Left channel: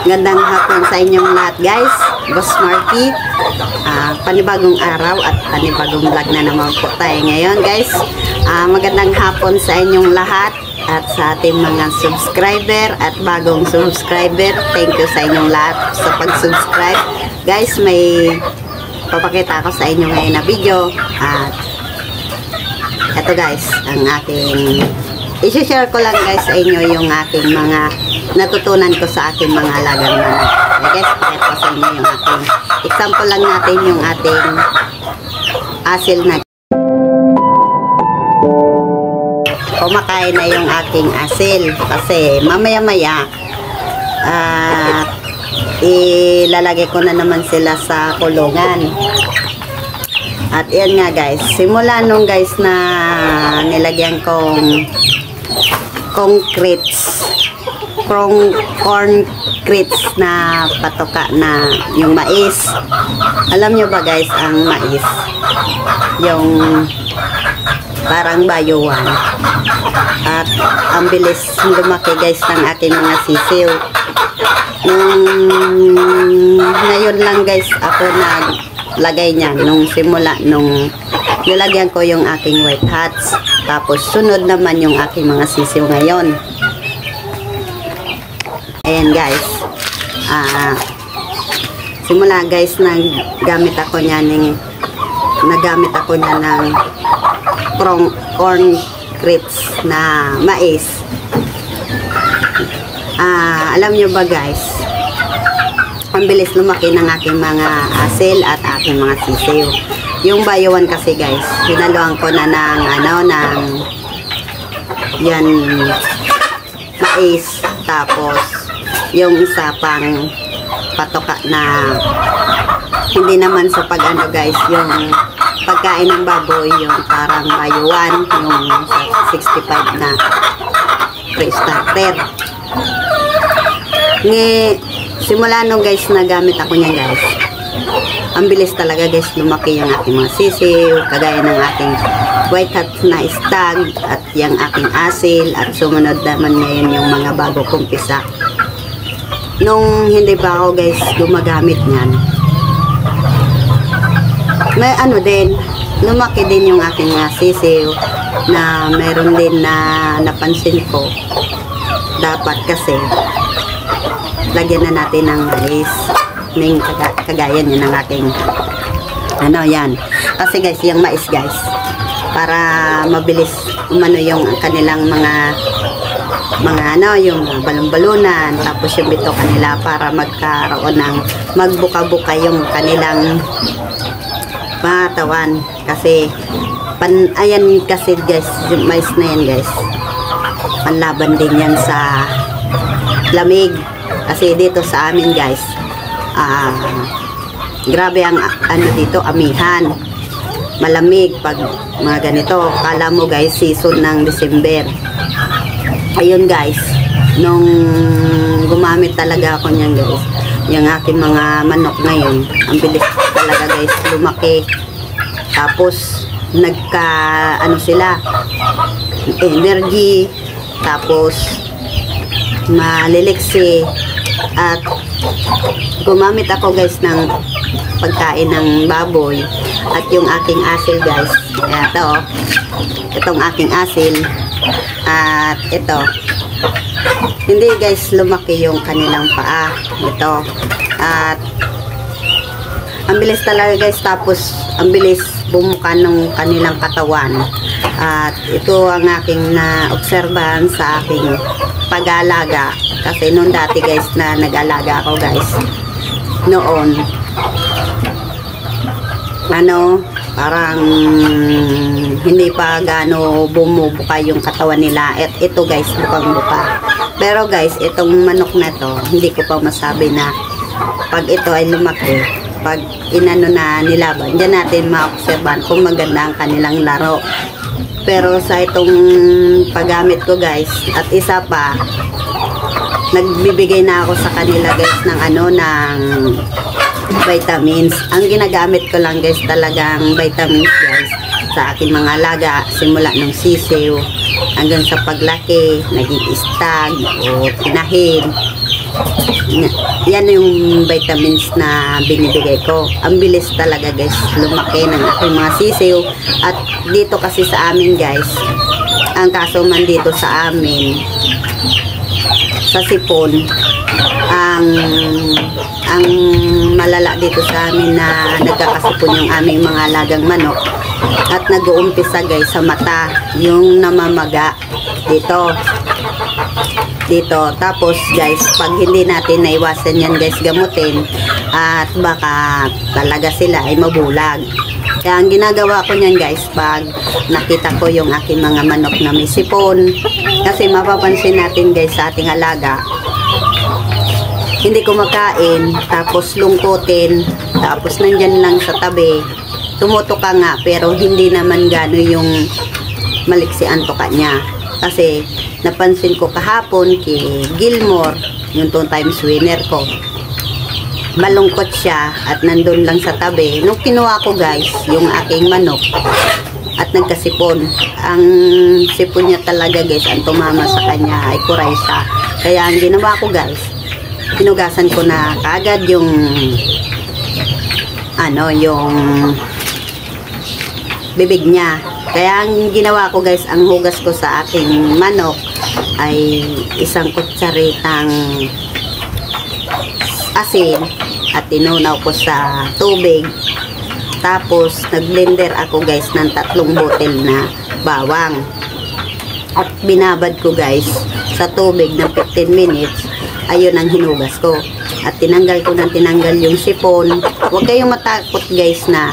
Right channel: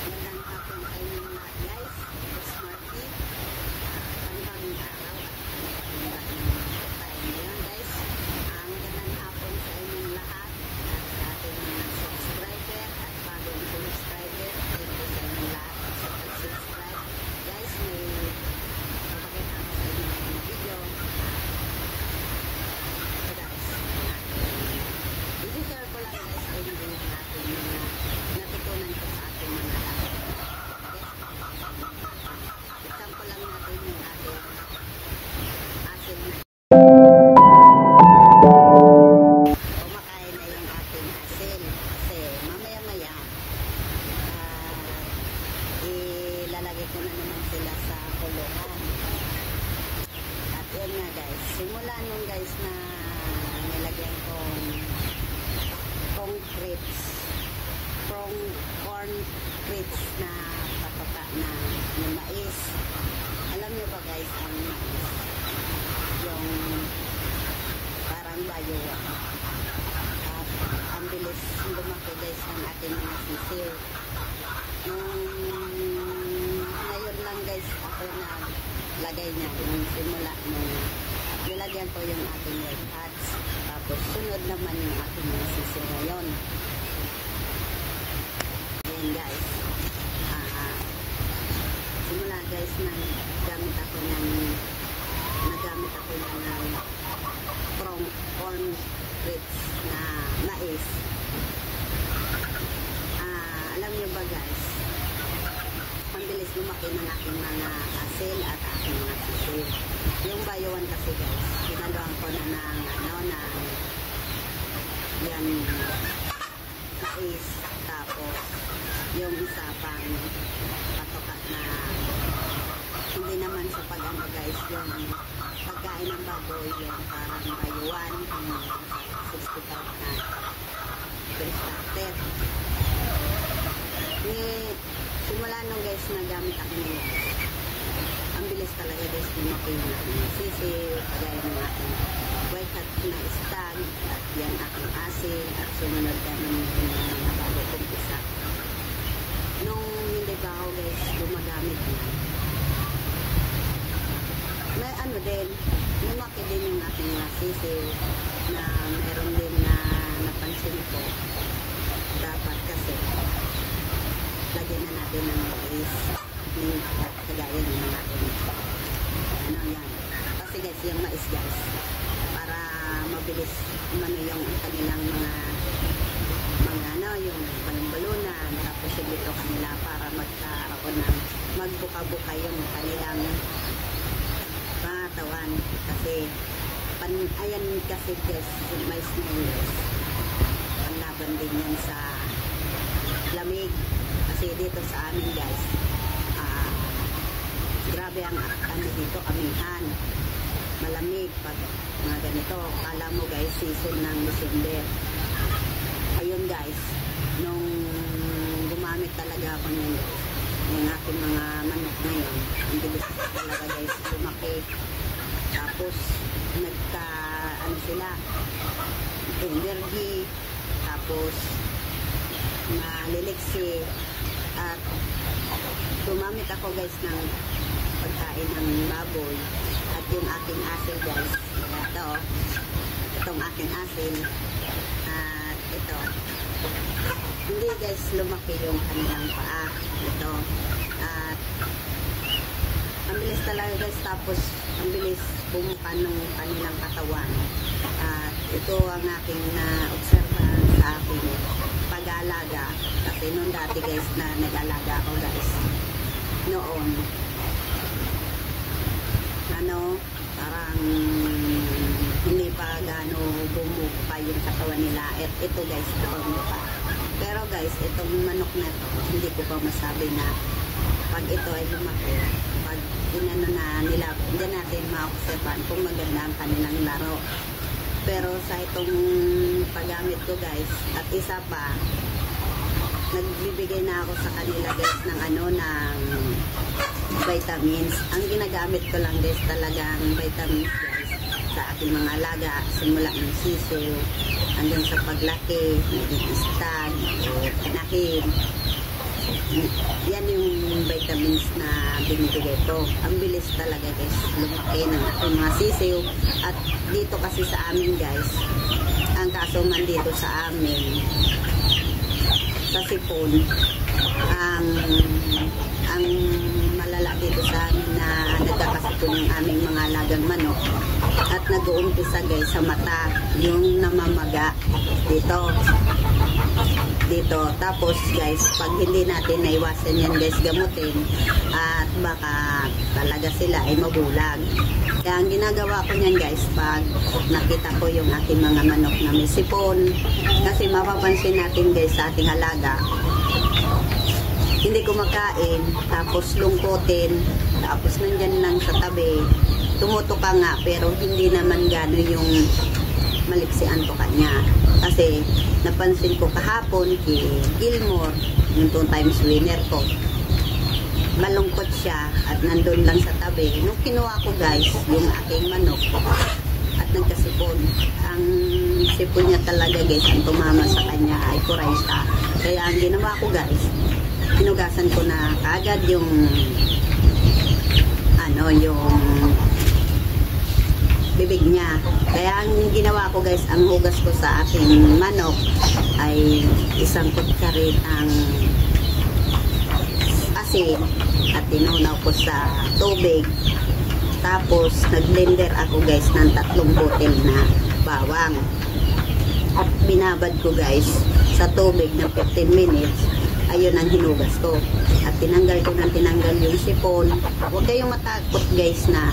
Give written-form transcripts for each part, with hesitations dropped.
Gandang hapon sa inyong lahat guys. Boss Marky. Panibagong araw at panibagong vlog na naman po tayo ngayon guys. Magandang hapon sa inyong lahat at sa ating mga subscriber at bagong subscriber. Thank you sa inyong lahat sa pag-subscribe. Guys, may papakita ko sa inyo ngayon na video. At ito guys, ang aking i-share ko lang guys sa inyo yung aking mga natutunan ko sa aking mga alagang manok. Okay guys, pakita ko sa inyo yung ating example lang natin yung ating asil na kumakain na yung aking asil kasi mamaya-maya ilalagay ko na naman sila sa kulungan. At yan nga guys, simula nung guys na nilagyan kong corn grits na patoka na yung mais. Alam nyo ba guys, ang mais yung parang bayuan at ang bilis lumaki guys ng aking mga sisiw. Ngayon lang guys ako naglagay niya nung simula nung nilagyan ko yung aking white hats, tapos sunod naman yung aking mga sisiw ngayon. Ayan guys, simula guys nagamit ako niya ng corn grits na mais. Alam nyo ba guys, ang bilis lumaki ng aking mga asil at aking mga sisiw. Yung bayuan kasi guys, hinaluan ko na ng yan mais, tapos yung isa pang patoka na hindi naman sa pag-ano guys, yung pagkain ng baboy, yung parang bayuan, yung 65 na pre-starter. Simula nung guys nagamit ako niya guys, ang bilis talaga guys lumaki yung aking mga sisiw, kagaya ng aking white hat na stag at yung aking asil, at sumunod naman ngayon yung mga bago kong pisa. Nung hindi pa ako guys gumagamit niyan, may ano din, lumaki din yung aking mga sisiw, na meron din na napansin ko, dapat kasi lagyan na natin ng mais, ng kagaya niya ng aking ano yan. Kasi guys, yung mais guys, para mabilis umano yung kanilang mga ano, yung balon-balunan, tapos yung bito kanila para magkaroon ng magbuka-buka yung kanilang mga tawan. Kasi ayan kasi guys, yung mais na yan guys, panlaban din yan sa lamig. Kasi dito sa amin guys, grabe ang ano dito, amihan, malamig pag mga ganito. Kala mo guys season ng December. Ayun guys, nung gumamit talaga ako niyan guys, yung aking mga manok ngayon, ang bilis talaga guys lumaki. Tapos nagka ano sila, energy, tapos maliliksi. At gumamit ako guys ng pagkain ng baboy at yung aking asil guys. Itong aking asil, at ito hindi guys lumaki yung kanilang paa ito, at ang bilis talaga guys, tapos ang bilis bumuka ng kanilang katawan. At ito ang aking na-obserbahan sa aking pag-alaga. Kasi noon dati guys na nag-alaga ako guys, noon ano, parang hindi pa gaano bumubuka yung katawan nila. At ito guys, bukang buka. Pero guys, itong manok na to, hindi ko pa masabi na pag ito ay lumaki, pag inano na nilaban, diyan natin ma-obserban kung maganda ang kanilang laro. Pero sa itong paggamit ko guys, at isa pa, nagbibigay na ako sa kanila guys ng ano, ng vitamins. Ang ginagamit ko lang guys talagang vitamins guys sa aking mga alaga, simula ng sisiw hanggang sa paglaki, naging stag o tinahin. yan yung vitamins na binibigay ko. Ang bilis talaga guys lumaki ng aking mga sisiw. At dito kasi sa amin guys, ang kaso man dito sa amin sa sipon, ang malala dito sa amin na nagkakasipon yung aming mga alagang manok at nag-uumpisa guys sa mata, yung namamaga dito. Tapos guys, pag hindi natin naiwasan yan guys gamutin, at baka talaga sila ay mabulag. Kaya ang ginagawa ko niyan guys, pag nakita ko yung aking mga manok na may sipon, kasi mapapansin natin guys sa ating alaga, hindi kumakain, tapos lungkutin, tapos nandyan lang sa tabi, tumutuka nga, pero hindi naman gano'n yung maliksian tuka niya. Kasi napansin ko kahapon kay Gilmore, yung 2 times winner ko, malungkot siya at nandun lang sa tabi. Nung kinuha ko guys yung aking manok at nagkasipon, ang sipon niya talaga guys, ang tumama sa kanya ay kuraysa. Kaya ang ginawa ko guys, hinugasan ko na kaagad yung yung bibig niya. Kaya ang ginawa ko guys, ang hugas ko sa aking manok ay 1 kutsaritang asin at tinunaw ko sa tubig. Tapos nag-blender ako guys ng 3 botel na bawang at binabad ko guys sa tubig ng 15 minutes. Ayun ang hinugas ko at tinanggal ko ng tinanggal yung sipon. Huwag kayong matakot guys na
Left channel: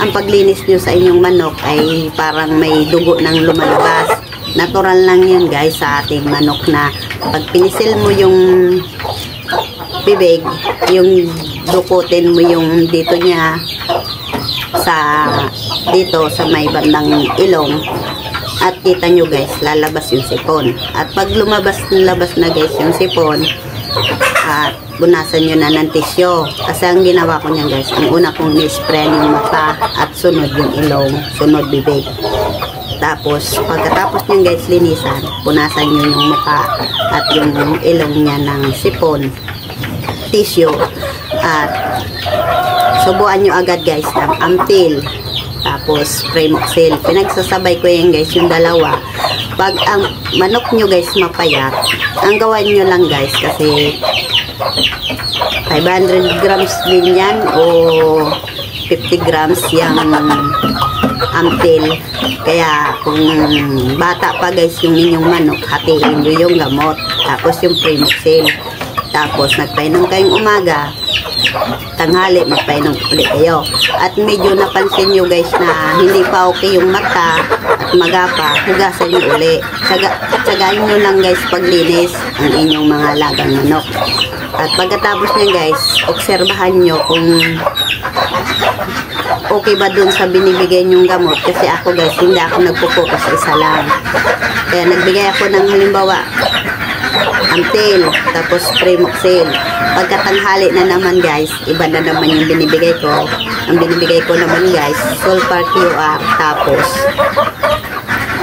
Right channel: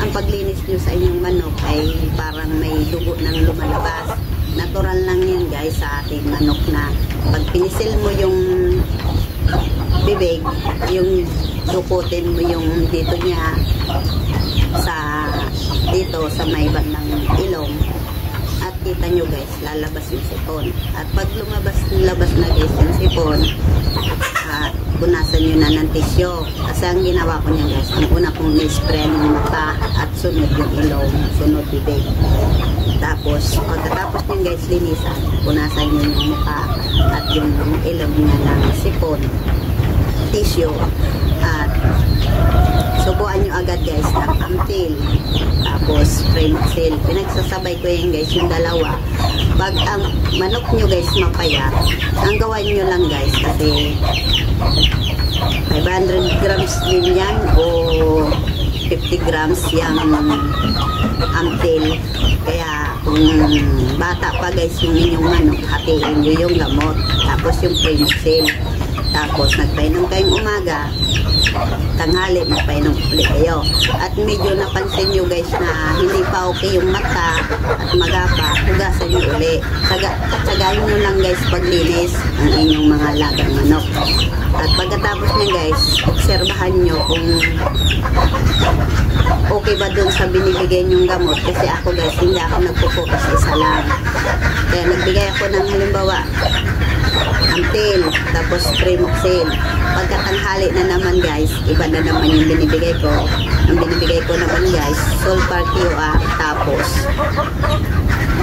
ang paglinis nyo sa inyong manok ay parang may dugo nang lumalabas. Natural lang yun guys sa ating manok na pag pinisil mo yung bibig, yung dukutin mo yung dito niya dito sa may bandang ilong, at kita nyo guys, lalabas yung sipon. At pag labas na guys yung sipon, at bunasan nyo na ng tisyo. Kasi ang ginawa ko niyan guys, ang una kong ni-spray yung mata at sunod yung ilong, sunod bibig. Tapos pagkatapos nyo guys linisan, punasan nyo yung mukha at yung ilong niya ng sipon, tissue, at subuan nyo agad guys ng Amtil, tapos Primoxil. Pinagsasabay ko yan guys yung dalawa. Pag ang manok nyo guys mapayat, ang gawan nyo lang guys, kasi 500 grams din yan o 50 grams yung Amtil. Kaya kung bata pa guys yung inyong manok, hatiin nyo yung gamot, tapos yung Primoxil. Tapos nagpainom kayong umaga, tanghali magpainom ulit kayo. At medyo napansin nyo guys na hindi pa okay yung mata at magapa, hugasan nyo ulit. Tsagain nyo lang guys paglinis ang inyong mga alagang manok. At pagkatapos nyo guys, obserbahan nyo kung okay ba dun sa binibigay nyong gamot. Kasi ako guys, hindi ako nagpo-focus sa isa lang. Kaya nagbigay ako ng halimbawa Amtil, tapos Primoxil. Pagkatanghali na naman guys, iba na naman yung binibigay ko. Ang binibigay ko naman guys, Sulfar QR. Tapos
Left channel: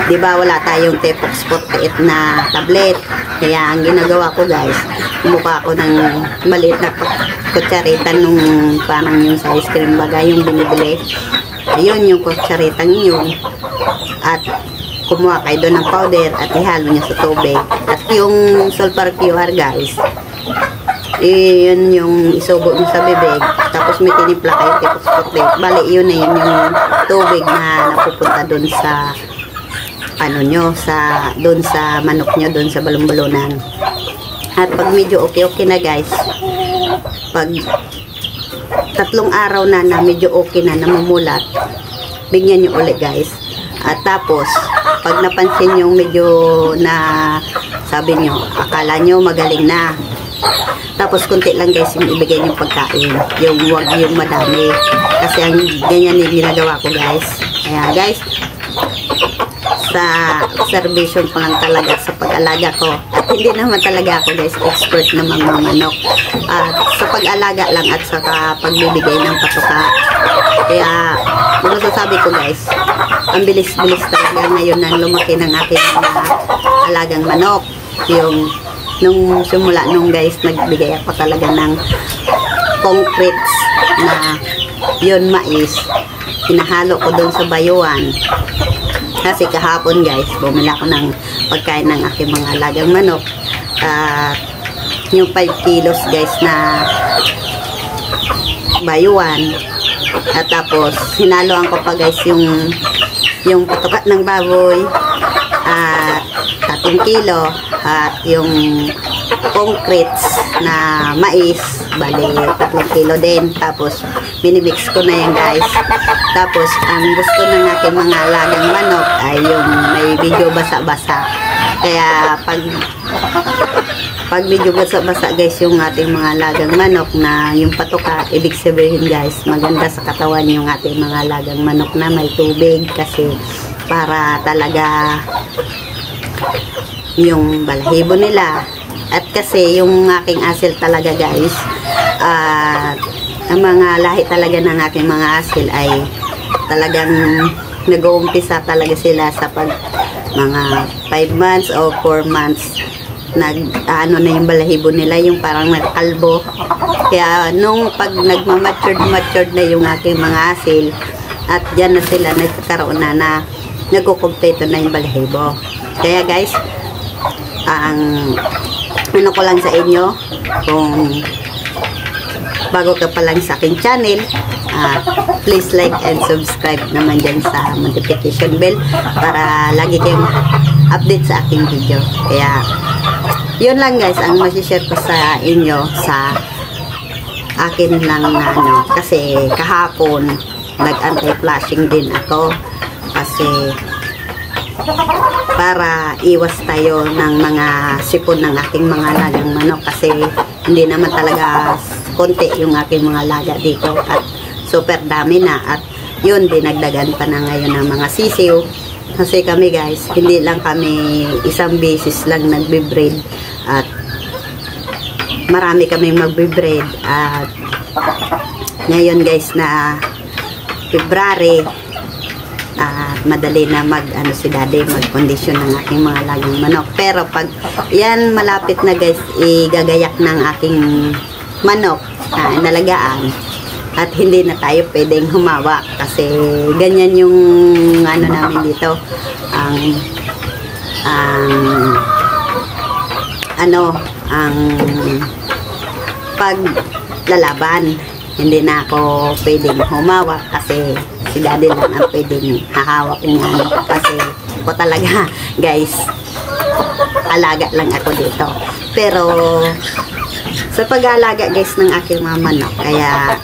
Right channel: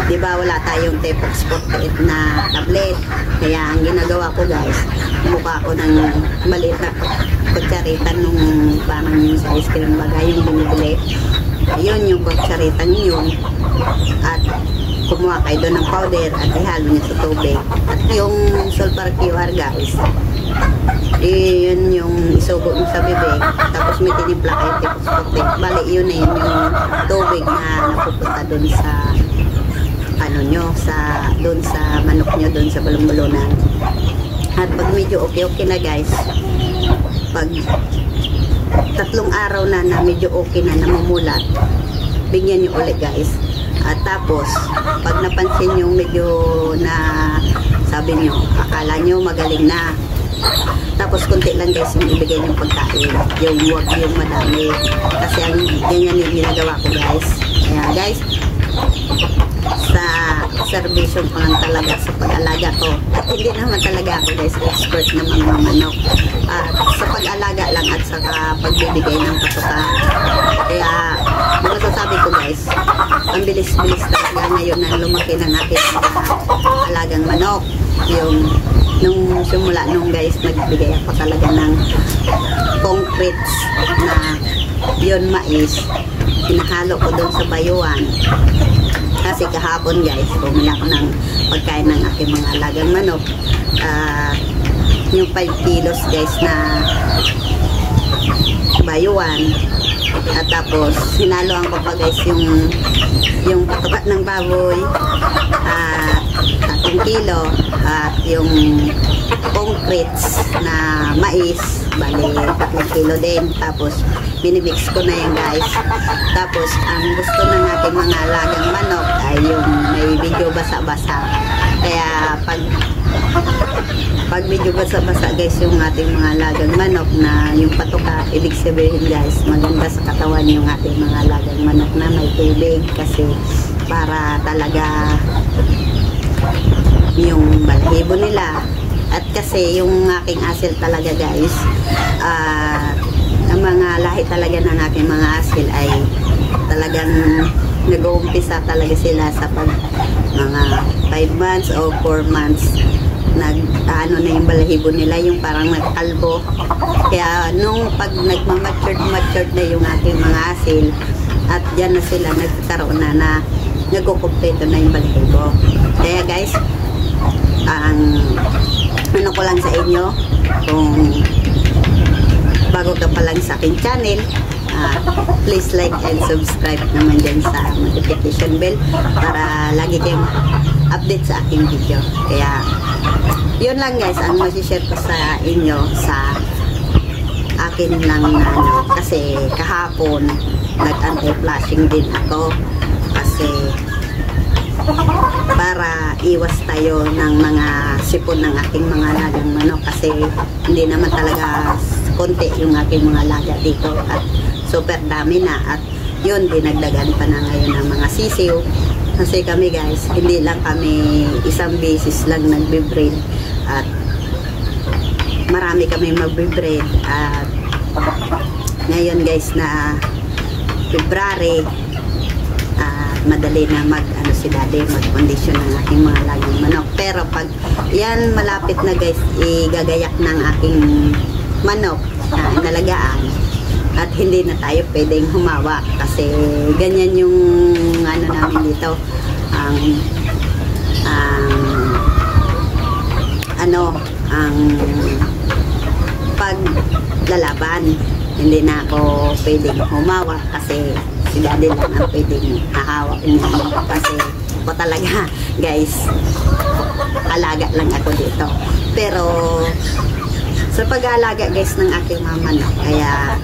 diba wala tayong Tepox 48 na tablet. Kaya ang ginagawa ko guys, mukha ko ng maliit na kutsarita nung parang yung sa ice cream bagay yung binibili. Ayun yung kutsaritang yun. At kumuha kayo doon ng powder at ihalo niya sa tubig. At yung Sulfar QR guys, yun yung isubo niyo sa bibig, tapos may tinimpla kayo Tepox 48. Bali yun na yun yung tubig na napupunta doon sa doon sa manok nyo, doon sa balon-balonan. At pag medyo okay na guys, pag 3 araw na medyo okay na, namumulat, bigyan nyo ulit guys. At tapos pag napansin nyo medyo na sabi nyo, akala nyo magaling na, tapos konti lang guys yung ibigay yung pagkain, yung wag yung madami, kasi ang ganyan yung ginagawa ko guys. Kaya guys, sa observation ko lang talaga sa pag-alaga ko, at hindi naman talaga ako guys expert na manok, at sa pag-alaga lang at sa pagbibigay ng patuka. Kaya masasabi ko guys, ang bilis-bilis talaga ngayon nang lumaki ng ating mga alagang manok. Yung nung simula nung guys, nagbigay ako talaga ng concretes na yun mais. Hinahalo ko dun sa bayuan. Kasi kahapon guys, bumili ako ng pagkain ng aking mga alagang manok. Yung 5 kilos guys na bayuan. At tapos, hinaloan ko pa guys yung patukat ng baboy. At 3 kilo. At yung concretes na mais. Bali, 3 kilo din. Tapos, minimix ko na yan guys. Tapos, ang gusto ng aking mga alagang manok ay yung may video basa-basa. Kaya, pag medyo basa-basa guys yung ating mga alagang manok na yung patuka, ibig sabihin guys, maganda sa katawan yung ating mga alagang manok na may tubig kasi para talaga yung balahibo nila. At kasi yung aking asil talaga guys, ang mga lahi talaga ng aking mga asil ay talagang nag-uumpisa talaga sila sa mga 5 months o 4 months ano na yung balahibo nila, yung parang nagkalbo. Kaya nung pag matured na yung aking mga asil at dyan na sila nagkakaroon na nagkukumpleto na yung balahibo. Kaya guys, ang ano ko lang sa inyo, kung bago ka pa lang sa aking channel, please like and subscribe naman dyan sa notification bell para lagi kayong update sa aking video. Kaya yun lang guys ang masishare ko sa inyo sa akin lang na ano, kasi kahapon nag anti-flashing din ako kasi para iwas tayo ng mga sipon ng aking mga alagang manok kasi hindi naman talaga konti yung aking mga alaga dito at super dami na at yun dinagdagan pa na ngayon ng mga sisiw. Kasi kami guys, hindi lang kami isang beses lang nagbe-breed at marami kaming magbe-breed at ngayon guys na February at madali na si daddy mag-condition ng aking mga alagang manok. Pero pag yan malapit na guys, igagayak ng aking manok na inalagaan at hindi na tayo pwedeng humawak kasi ganyan yung ano namin dito, ang paglalaban. Hindi na ako pwedeng humawak kasi si daddy lang ang pwedeng hahawak niyan kasi ko talaga guys, alaga lang ako dito. Pero sa pag-aalaga guys ng aking mga manok, kaya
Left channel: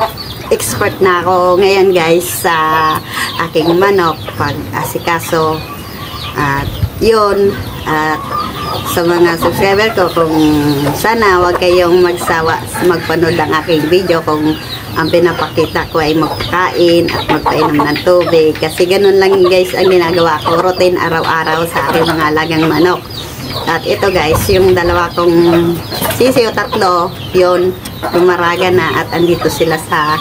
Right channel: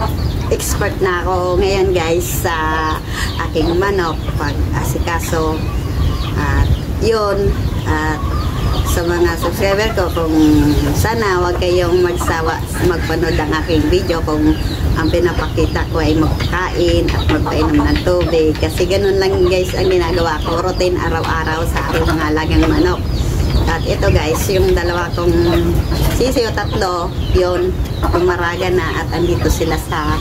expert na ako ngayon guys sa aking manok pag asikaso. At yun, at sa mga subscriber ko, kung sana wag kayong magsawa magpanood ng aking video kung ang pinapakita ko ay magkain at magpainom ng tubig kasi ganun lang guys ang ginagawa ko, routine araw-araw sa aking mga alagang manok. At ito guys, yung dalawa kong sisiyo, 3, yun, lumaraga na at andito sila sa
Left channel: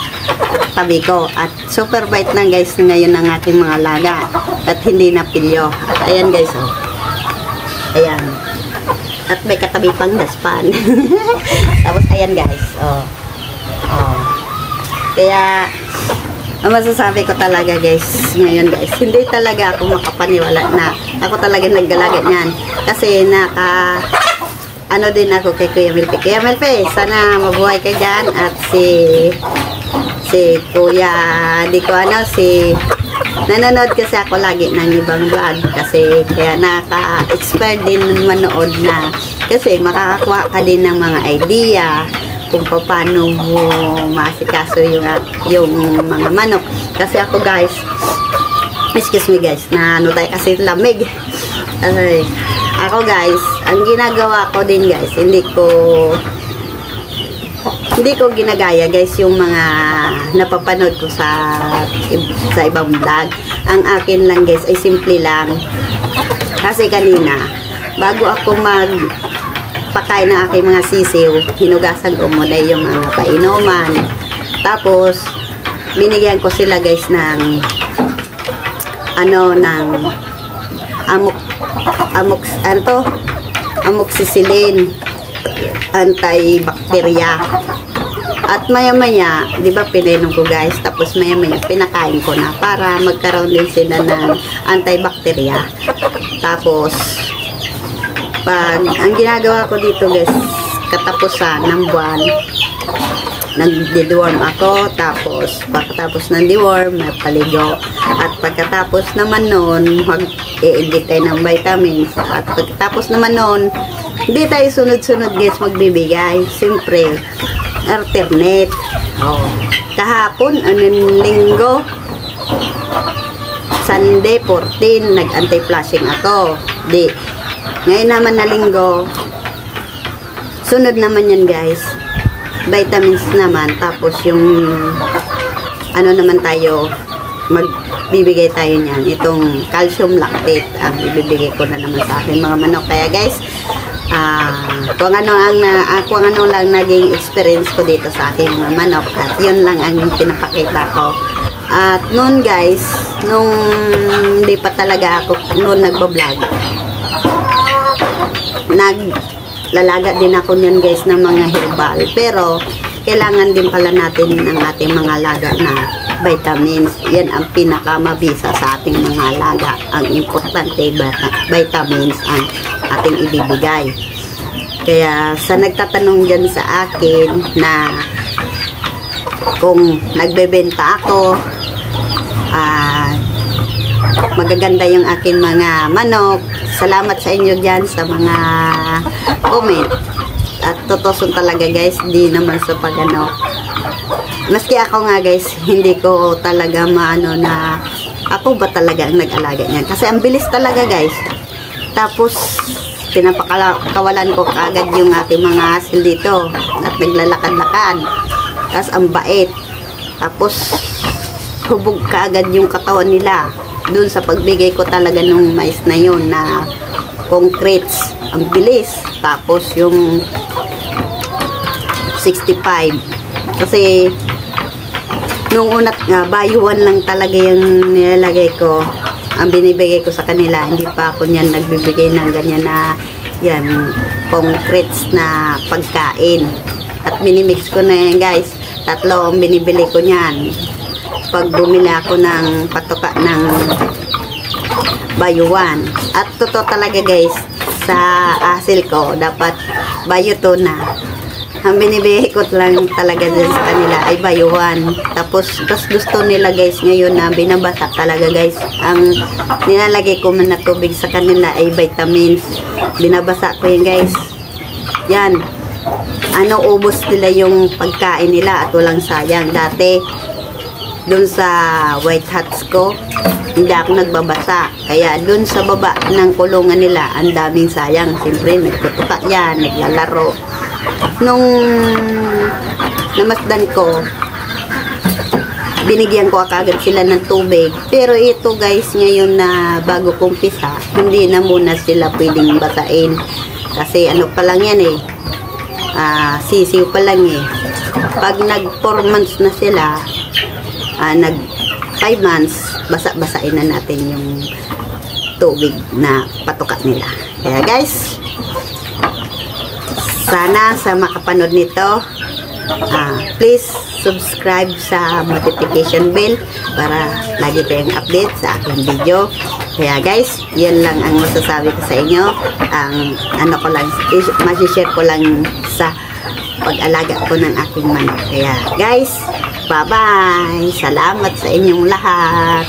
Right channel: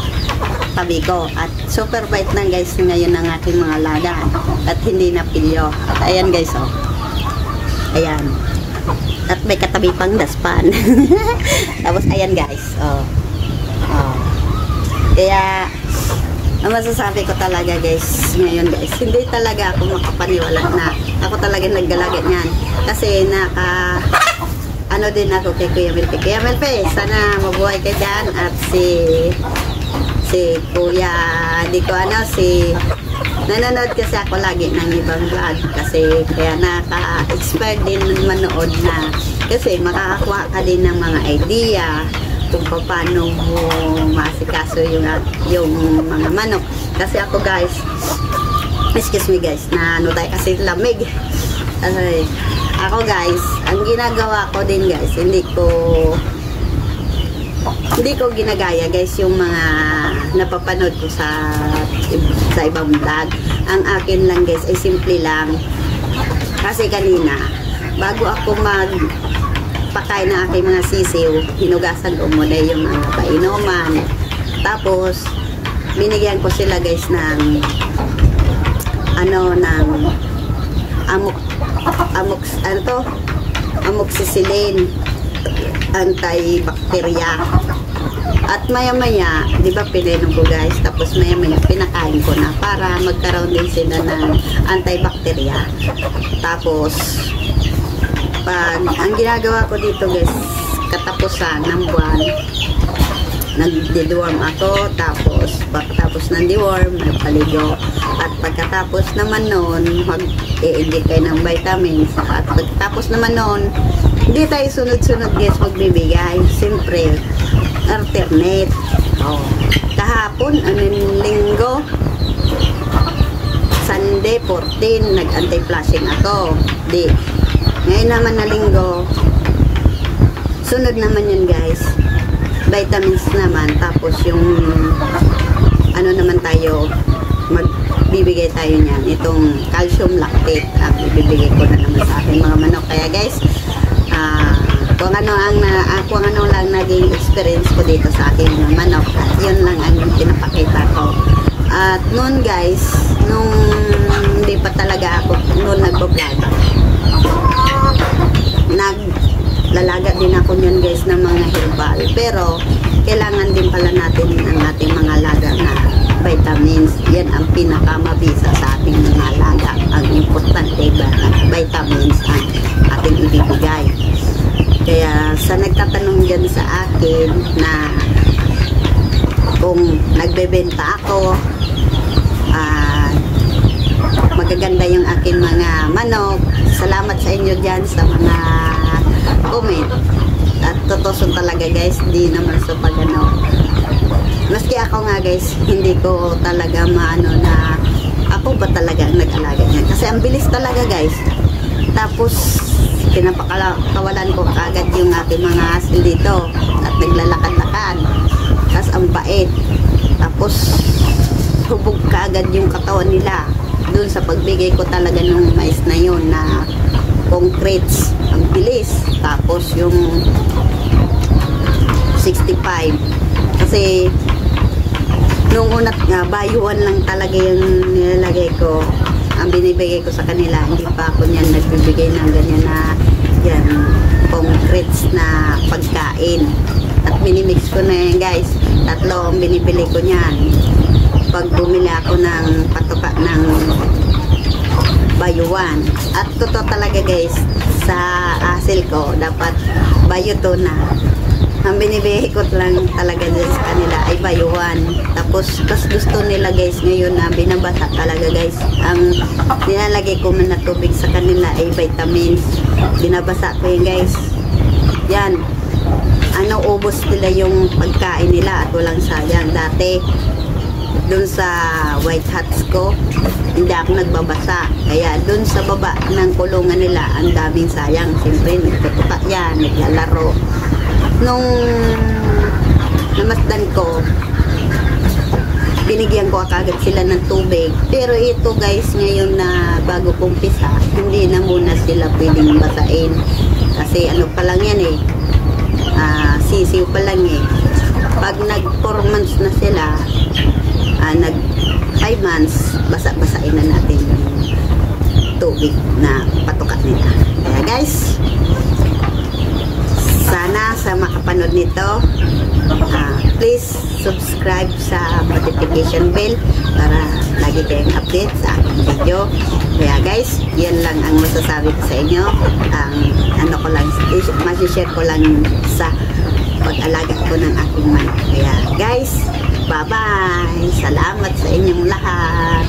tabi ko. At super bite na guys ngayon ng ating mga alaga at hindi na pilyo. At ayan guys, oh. Ayan. At may katabi pang daspan. Tapos ayan guys, oh. Oh. Kaya ang masasabi ko talaga guys, ngayon guys, hindi talaga ako makapaniwala na ako talaga naggalaga niyan. Kasi ano din ako kay Kuya Melpe. Kuya Melpe, sana mabuhay ka dyan. At si Kuya, nanonood kasi ako lagi ng ibang vlog. Kasi kaya naka-expert din manood na. Kasi makakakuha ka din ng mga idea kung paano mo masikaso yung mga manok. Kasi ako guys, excuse me guys, na ano tayo kasi lamig. Kasi ako guys, ang ginagawa ko din guys, hindi ko ginagaya guys yung mga napapanood ko sa ibang vlog. Ang akin lang guys ay simple lang. Kasi kanina, bago ako pakain ng aking mga sisiw, hinugasan ko muna yung mga painuman. Tapos binigyan ko sila guys ng amoxicillin. antibacteria. At maya-maya, di ba pininom ko guys, tapos maya-maya pinakain ko na para magkaroon din sila ng antibacteria. Tapos, ang ginagawa ko dito guys, katapusan ng buwan, nag-deworm ako, tapos pagkatapos ng deworm, may paligo. At pagkatapos naman nun, mag-i-inject tayo ng vitamins. At pagkatapos naman nun, hindi tayo sunod-sunod guys magbibigay. Siyempre, alternate. Oh. Kahapon, linggo, Sunday 14, nag-anti-flushing ako. Di. Ngayon naman na linggo, sunod naman yan guys. Vitamins naman. Tapos yung, ano naman tayo, magbibigay tayo niyan. Itong calcium lactate, ang ibibigay ko na naman sa aking mga manok. Kaya guys, kung ano lang naging experience ko dito sa aking mga manok, at yun lang ang pinapakita ko. At noon guys, nung hindi pa talaga ako noon nagbablog, naglalaga din ako niyan guys ng mga herbal, pero kailangan din pala natin ng ating mga alaga na vitamins. Yan ang pinakamabisa sa ating mga alaga. Ang importante, vitamins ang ating ibibigay. Kaya sa nagtatanong dyan sa akin na kung nagbebenta ako, magaganda yung aking mga manok, salamat sa inyo dyan sa mga comment. At totoo talaga guys, di naman sa pagano, maski ako nga guys, hindi ko talaga maano na ako ba talaga ang nag-alaga niyan, kasi ang bilis talaga guys. Tapos pinapakawalan ko kaagad yung aking mga asil dito at naglalakad-lakad. Tapos ang bait. Tapos hubog kaagad yung katawan nila dun sa pagbigay ko talaga nung mais na yun na concretes. Ang bilis. Tapos yung 65, kasi nung unat nga bayuan lang talaga yung nilalagay ko, ang binibigay ko sa kanila. Hindi pa ako niyan nagbibigay ng ganyan na yan concretes na pagkain. At minimix ko na yan guys. 3 ang binibili ko niyan. Pag bumili ako ng patuka ng bayuan. At totoo talaga guys, sa asil ko dapat bayo to na. Ang binibigay ko lang talaga din sa kanila ay bayuan. Tapos gusto nila guys ngayon na binabasa talaga guys. Ang nilalagay ko man na tubig sa kanila ay vitamins. Binabasa ko yan guys. Yan. Ano, ubos nila yung pagkain nila at walang sayang. Dati dun sa white hats ko, hindi ako nagbabasa. Kaya dun sa baba ng kulungan nila, ang daming sayang. Siyempre, nagtutuka yan, naglalaro. Nung namasdan ko, binigyan ko agad sila ng tubig. Pero ito guys, ngayon na bago kumpisa, hindi na muna sila pwedeng basain. Kasi ano pa lang yan eh, sisiw pa lang eh. Pag nag 4 months na sila, nag 5 months, basa-basain na natin yung tubig na patuka nila. Kaya guys, sana sa makapanood nito, please subscribe sa notification bell para lagi kayong update sa aking video. Kaya guys, yan lang ang masasabi ko sa inyo. Ang ano ko lang, masishare ko lang sa pag-alaga ko ng aking manok. Kaya guys, bye-bye! Salamat sa inyong lahat!